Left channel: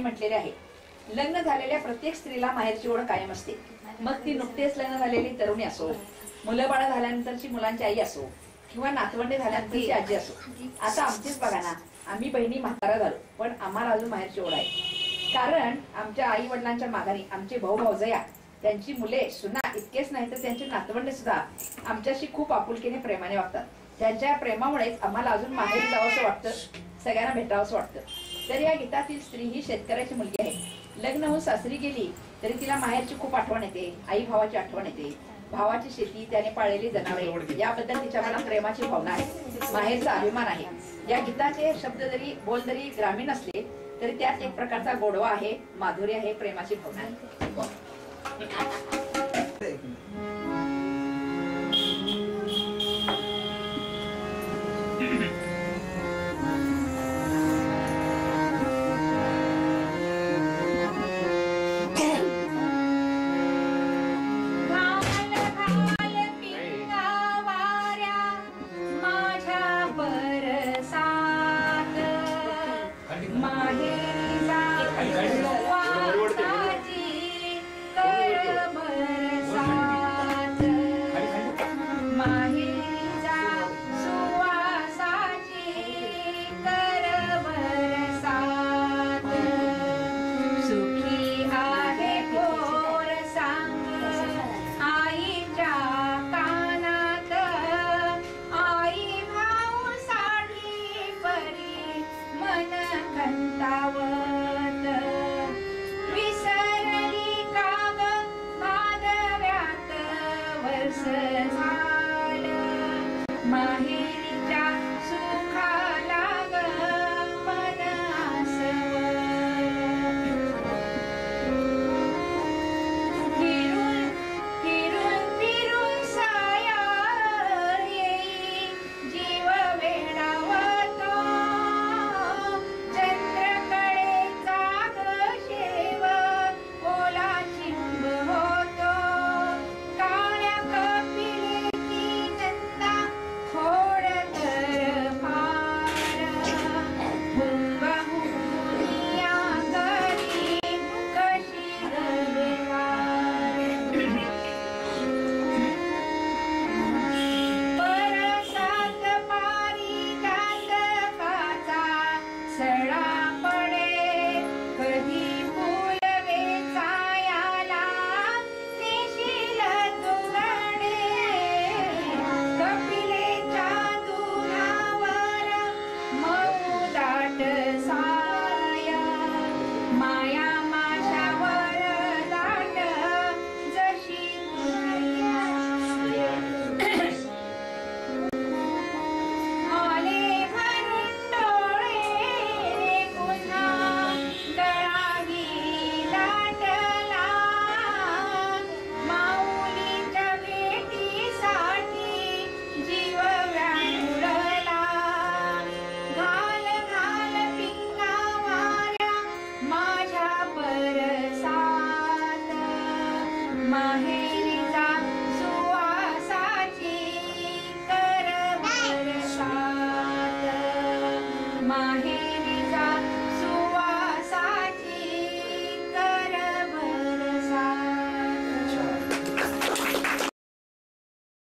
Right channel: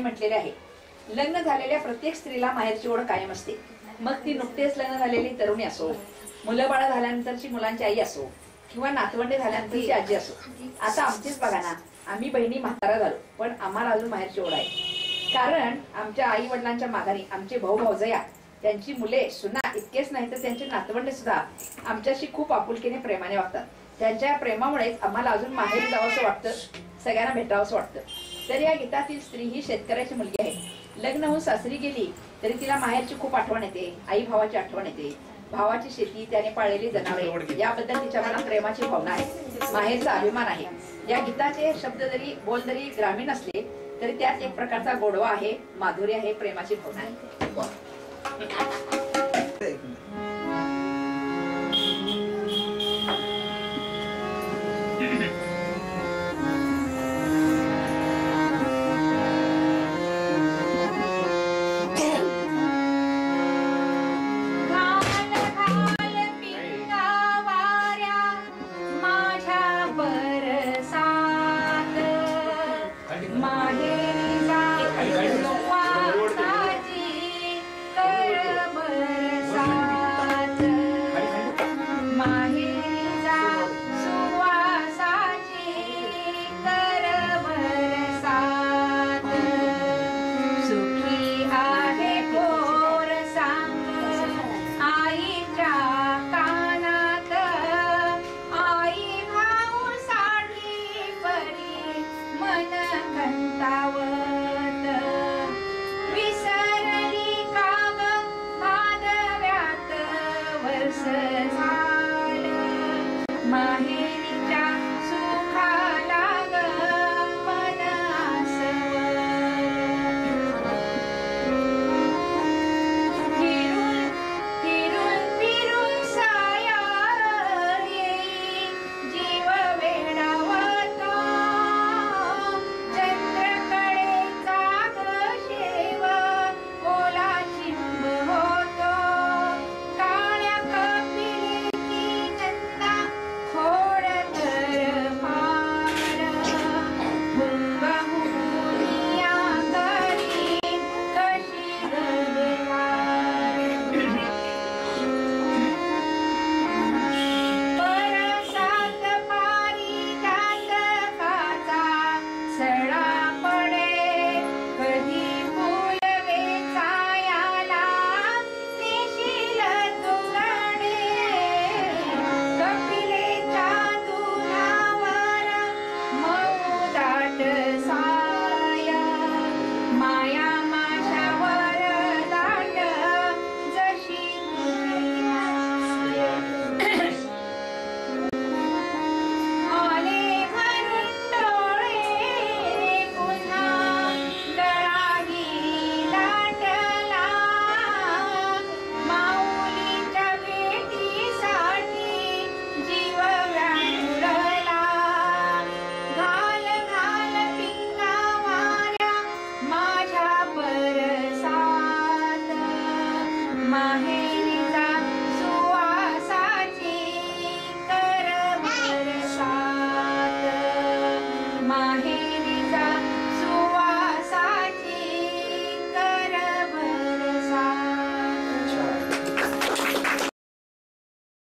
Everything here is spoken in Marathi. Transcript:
यांनी म्हटलेले आहे, लग्न झालेल्या प्रत्येक स्त्रीला माहेरची ओढ कायम असते. मग ती नुकतेच लग्न झालेली तरुणी असो, मुलं बाळा झाल्यानंतरची मुलांची आई असो, किंवा नातवंडे झाल्यानंतरची आजी असो. आता आमचीच बघा ना, आम्ही बहिणी म्हातारा झालो, पण आम्हाला अजून माहेरची ओढ आहे. कारण आमच्या आई वडिलांच्या माघारी आमचे भाऊ भाऊजया, त्यांची मुले सुना इतकेच नाही तर त्यांचे नातवंडे सुद्धा आमच्याशी खूप आपुलकीने प्रेमाने वागतात. त्यांच्या प्रेमामुळेच आम्हाला अजून माहेर जावंसं वाटतं, सगळ्यांना भेटावंसं वाटतं. तर या गीतातील स्त्री ही शेतकऱ्याची मुलगी आहे. लग्न होऊन सासरी गेली तरी तिला माहेरची खूप आठवण येते, आई भावाची आठवण येते, भावाची शेती, त्याने पाळलेली जनावरे याबद्दल तिच्या मनात प्रेमाची भावना आहे, माहेरचा अभिमान आहे. या गीताचे शब्द जरी बोल जरी ग्रामीण असले तरी त्यात एक प्रकारचा गोडवा आहे, माधुर्य आहे, प्रेमाची भावना आहे.